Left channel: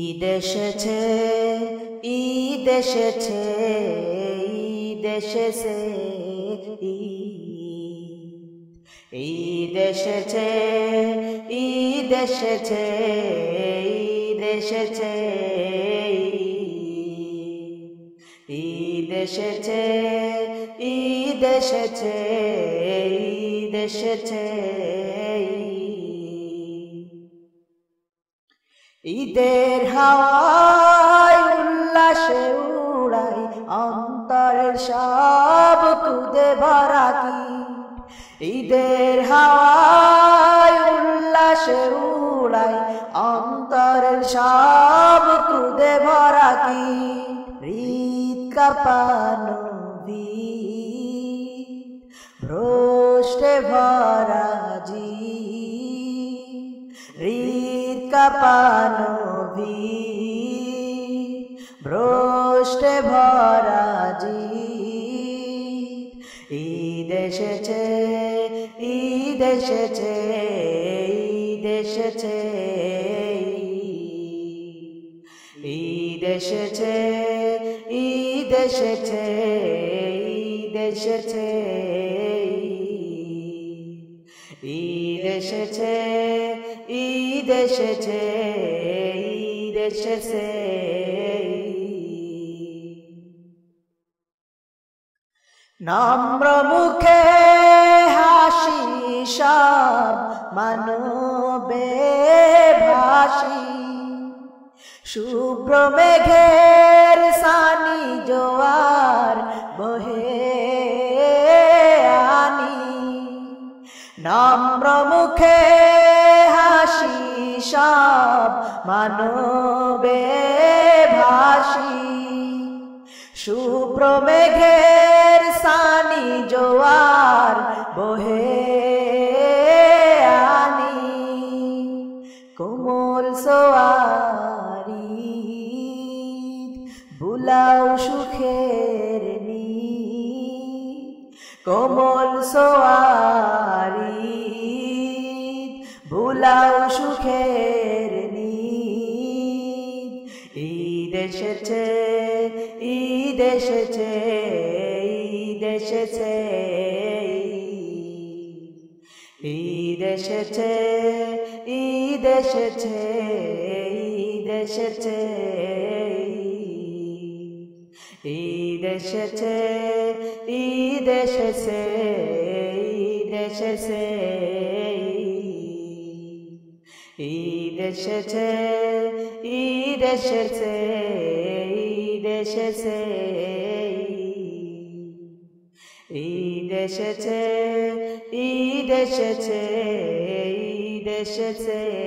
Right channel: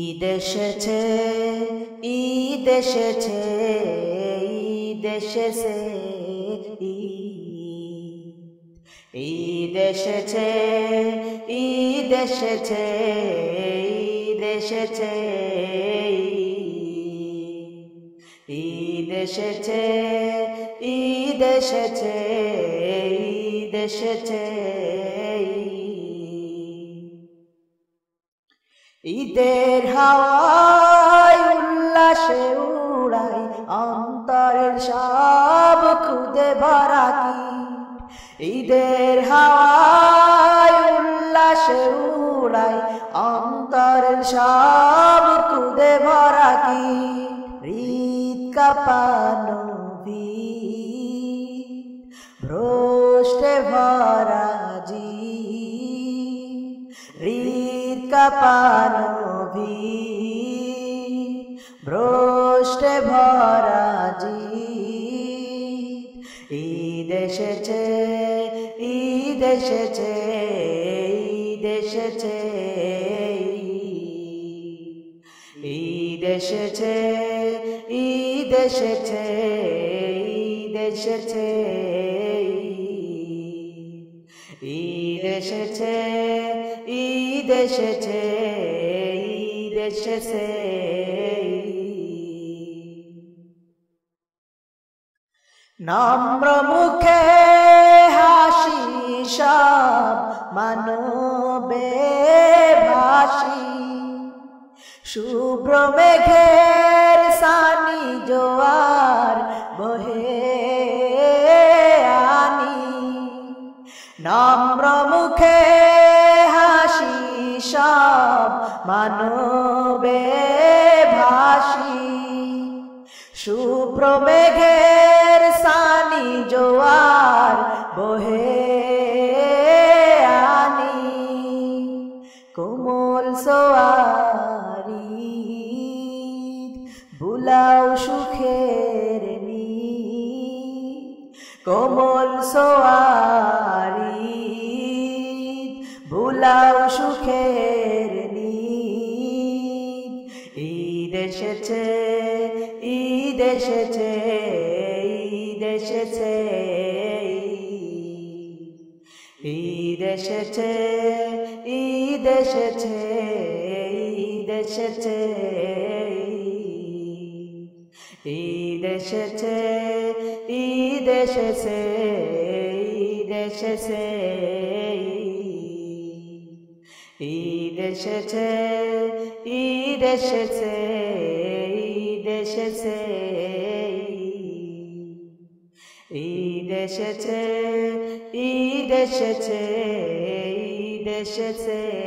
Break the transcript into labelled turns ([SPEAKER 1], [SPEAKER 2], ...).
[SPEAKER 1] ঈদ এসেছে ঈদ এসেছে ঈদ এসেছে ঈদ এসেছে ঈদ এসেছে ঈদ এসেছে ঈদ এসেছে ঈদ এসেছে ঈদ এসেছে। ঈদের হাওয়ায় উল্লাসে উড়াই, অন্তরের সব খুদে ভরা কি ঈদের হাওয়ায় উল্লাসে উড়াই, অন্তরের সব খুদে ভরা কি হৃদ কাপানো রোষ্টে ভরা জি কাপানো ভ্রষ্টে ভরা জি ঈদ এসেছে ঈদ এসেছে ঈদ এসেছে। ঈদ এসেছে ঈদ এসেছে ঈদ এসেছে। ঈদ এসেছে ঈদ এসেছে ঈদ এসেছে নম্র মুখে হাসি সব মানবে ভাসি। শুভ্র মেঘের সানি জোয়ার বহে আমি নম্র মুখে মানবে ভাসি শুভ্র সানি জোয়ার বহে আনি। কোমল সোয়ারি, বুলাও সুখের নি কোমল সোয়ারি, বুলাও সুখের নি ঈদ এসেছে ঈদ এসেছে ঈদ এসেছে ঈদ এসেছে ঈদ এসেছে ঈদ এসেছে ঈদ এসেছে ঈদ এসেছে এসেছে ঈদ এসেছে ঈদ এসেছে। ঈদ এসেছে ঈদ এসেছে ঈদ এসেছে।